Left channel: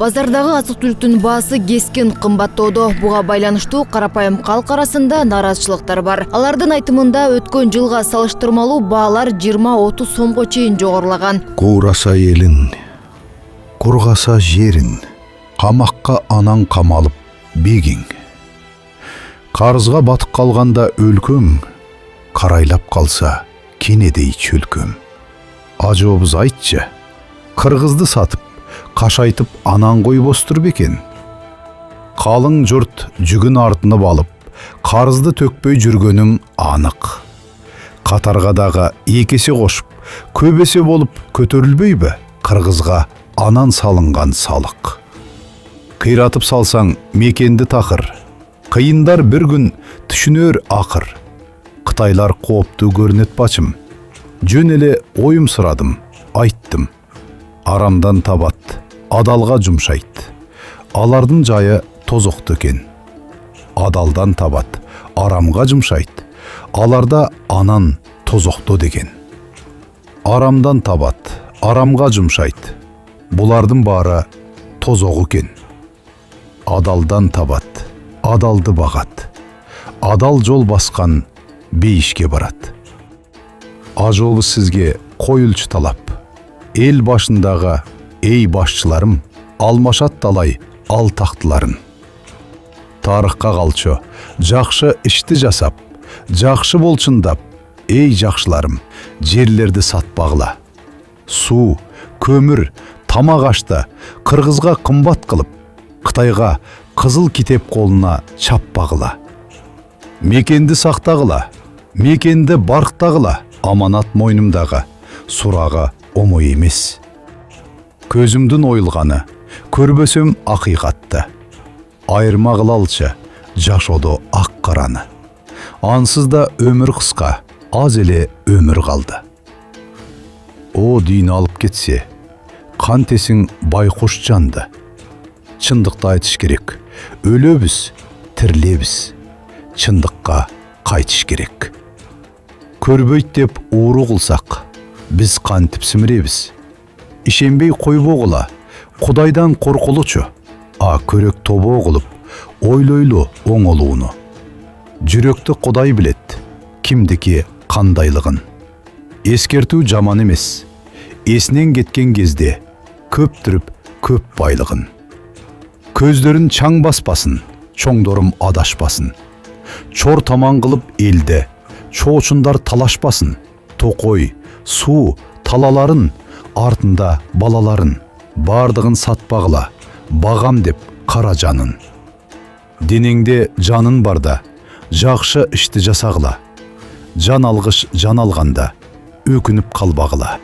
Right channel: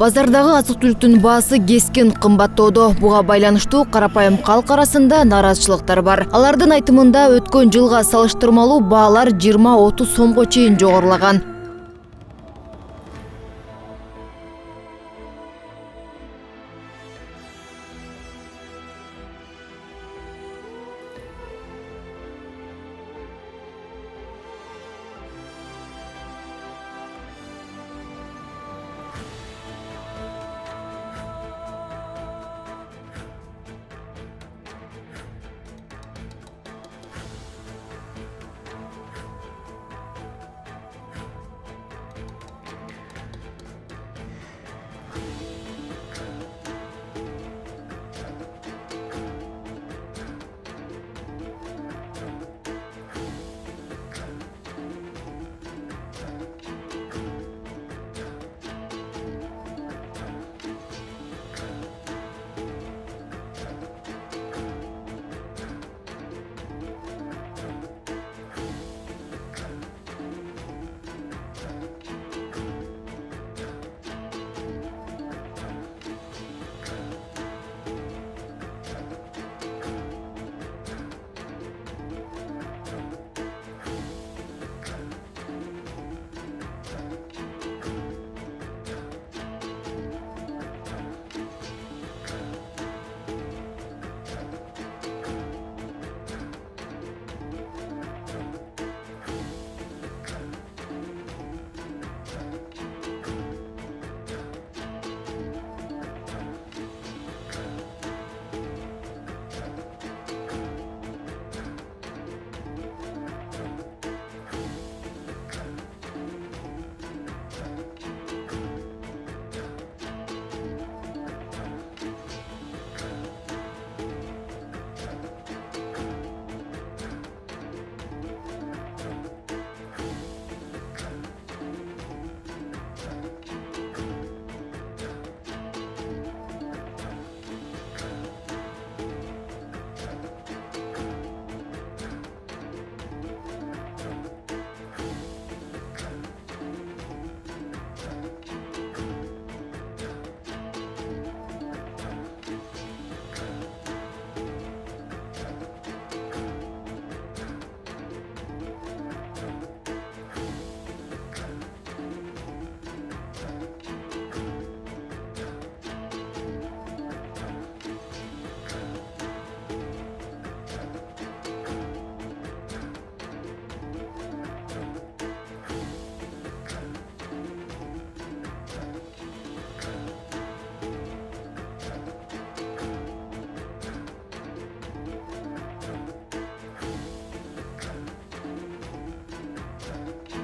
Базардагы азык-түлүктүн баасы кескен кымбаттоодо. Буга байланыштуу карапайым калк арасында нараазычылыктар бар. Алардын айтымында өткөн жылга салыштырмалуу баалар 20-30 сомго чейин жогорулаган. Куураса элин, кургаса жерин, камакка анан камалып бегиң. Карызга батып калганда өлкөң, карайлап калса кенедей чөлкөм. Ажообуз айтчы, кыргызды сатып, кашайтып анан койбостур бекен. Калың журт жүгүн артынып алып, карызды төкпөй жүргөнүм анык. Катарга дагы экесе кошуп, көп эсе болуп көтөрүлбөйбү кыргызга анан салынган салык. Кыйратып салсаң мекенди такыр, кыйындар бир күн түшүнөр акыр. Кытайлар кооптуу көрүнөт бачым, жөн эле оюм сурадым, айттым. Арамдан табат, адалга жумшайт. Алардын жайы тозокту экен. Адалдан табат, арамга жумшайт. Аларда анан тозокту деген. Арамдан табат, арамга жумшайт. Булардын баары тозок экен. Адалдан табат, адалды багат. Адал жол баскан бейишке барат. Ажообуз сизге коюлчу талап. Эл башындагы эй башчыларым, алмашат талай ал тактыларын. Тарыхка калчу жакшы ишти жасап, жакшы болчундап, эй жакшыларым, жерлерди сатпагыла. Суу, көмүр, тамак ашты кыргызга кымбат кылып, Кытайга кызыл китеп колуна чаппагыла. Мекенди сактагыла, мекенди барктагыла, аманат мойнумдагы, сурагы омой эмес. Көзүмдүн оюлганы, көрбөсөм акыйкатты. Айырма кылалчы жашоодо ак караны. Ансыз да өмүр кыска, аз эле өмүр калды. О дүйнө алып кетсе, кантесиң байкуш жанды. Чындыкты айтыш керек. Өлөбүз, тирилебиз. Чындыкка кайтыш керек. Көрбөйт деп ууру кылсак, биз кантип симиребиз. Ишенбей койбогула, Кудайдан коркулучу, а көрөк тобоо кылып, ойлойлу оңолууну. Жүрөктү Кудай билет, кимдики кандайлыгын. Эскертүү жаман эмес. Эсинен кеткен кезде көптүрүп көп байлыгын. Көздөрүн чаң баспасын, чоңдорум адашпасын. Чор таман кылып элде, чоочундар талашпасын. Токой, суу, талаларын, артында балаларын. Бардыгын сатпагыла, багам деп кара жанын. Денеңде жанын барда, жакшы ишти жасагыла. Жан алгыш жан алганда, өкүнүп калбагыла.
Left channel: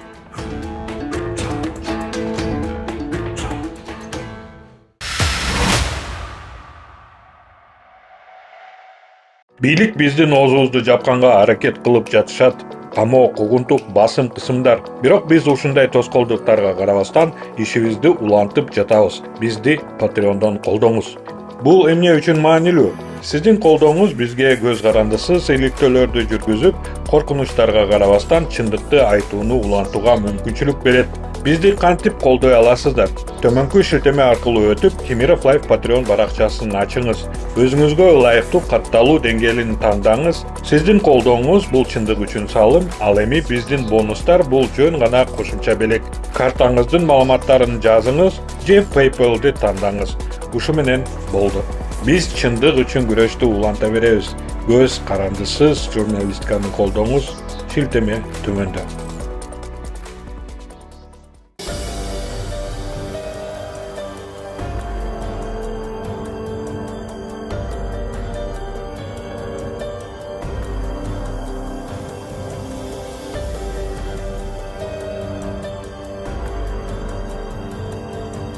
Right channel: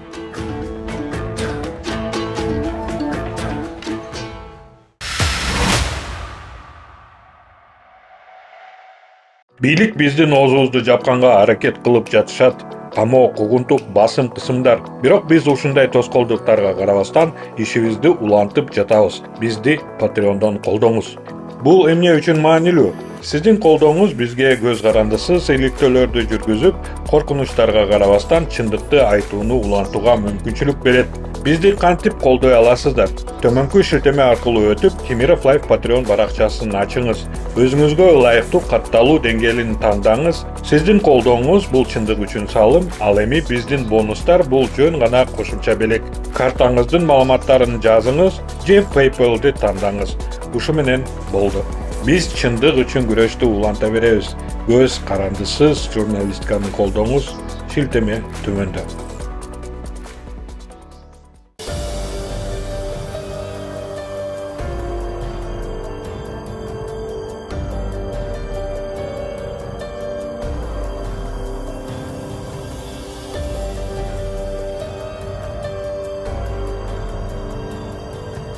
Бийлик биздин оозубузду жапканга аракет кылып жатышат. Камоо, кугунтук, басым кысымдар. Бирок биз ушундай тоскоолдуктарга карабастан ишибизди улантып жатабыз. Бизди Patreon'dan колдоңуз. Бул эмне үчүн маанилүү? Сиздин колдооңуз бизге көз карандысыз иликтөөлөрдү жүргүзүп, коркунучтарга карабастан чындыкты айтууну улантууга мүмкүнчүлүк берет. Бизди кантип колдой аласыздар? Төмөнкү шилтеме аркылуу өтүп, Кемиров Life Patreon баракчасын ачыңыз. Өзүңүзгө ылайыктуу катталуу деңгээлин тандаңыз. Сиздин колдооңуз бул чындык үчүн салым, ал эми биздин бонустар бул жөн гана кошумча белек. Картаңыздын маалыматтарын жазыңыз же PayPal'ды тандаңыз. Ушу менен болду. Биз чындык үчүн күрөштү уланта беребиз. Көз карандысыз журналистканы колдоңуз. Шилтеме төмөндө.